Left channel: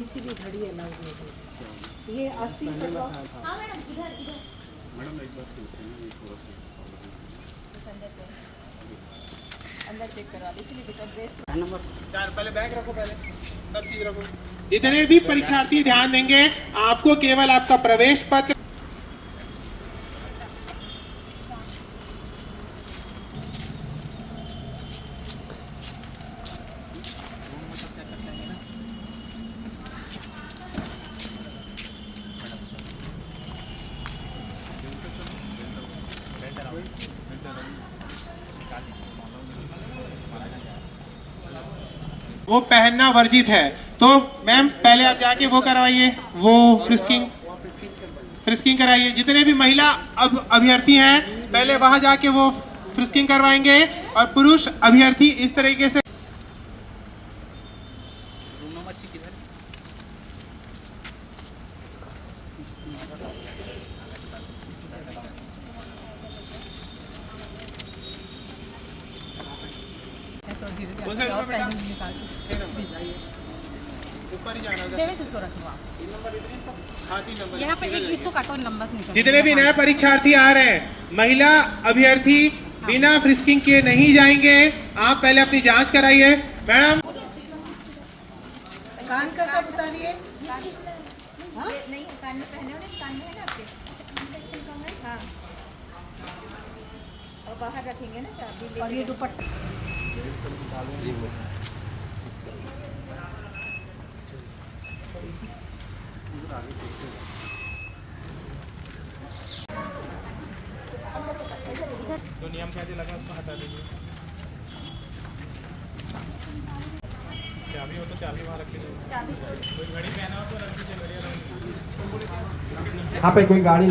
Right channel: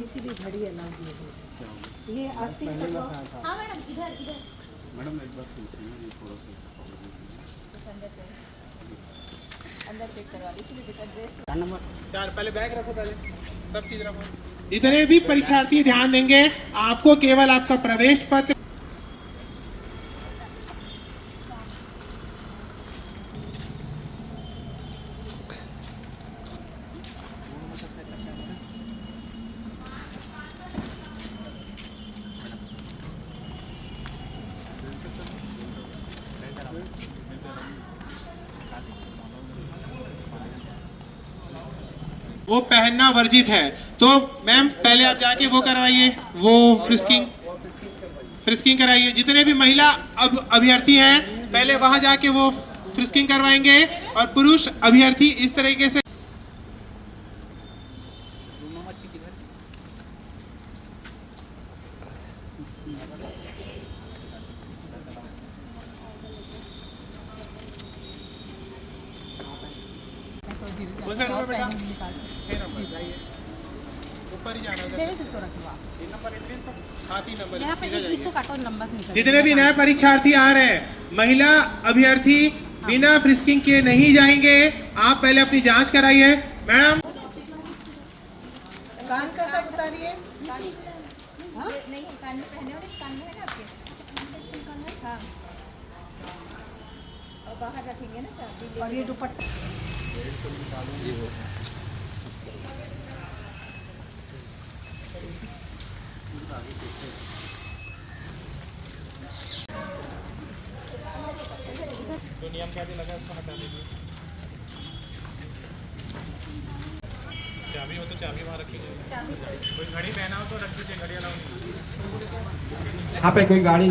थोड़ी सी भी घड़ी अलग हो गई। ये अस्थिर मैडम एक बार पूछे ना, ये थोड़ा सा अंदर चेक करवा दी, इसलिए बेटा ड्रेस नंबर 4 पहले बैग रखो, पहले सब चीज रखो। जितने भी परीक्षार्थी ध्यान देंगे, आपको केवल आपका प्रवेश पत्र वो पहनना वर्जित है। तो मैम पहले आप जाके वो करवाइए, वो फ्रिस्किंग कराइए। जितने भी महिला अभ्यर्थी हैं पहले वहां जाके वो फ्रिस्किंग करवाएंगे, और पुरुष अभ्यर्थी इस तरीके से। रूम नंबर 6 किधर? ऊपर ही जाना यहाँ पे एक इसको काटो, नंबर से निकल। जितने भी नए परीक्षार्थी आ रहे हैं, महिला अभ्यर्थी बिना फ्रिस्किंग के नहीं जाएंगे। आप पहले अपनी जांच कराइए। मैडम कान का सब उतारिए। नहीं कान में पहने हो, कान में है ना आपके? अच्छा कान में इसको कान में, हाँ। और बाहर रखेंगे ना चाबी। और ये दुपट्टा जो नियम कहते लगे उसको हटा दीजिए। चाबी हो तो चाबी वहाँ रखी जाएगी। घड़ी पहना हो तो रख दीजिए, घड़ी। यहाँ पे कोई गाड़ी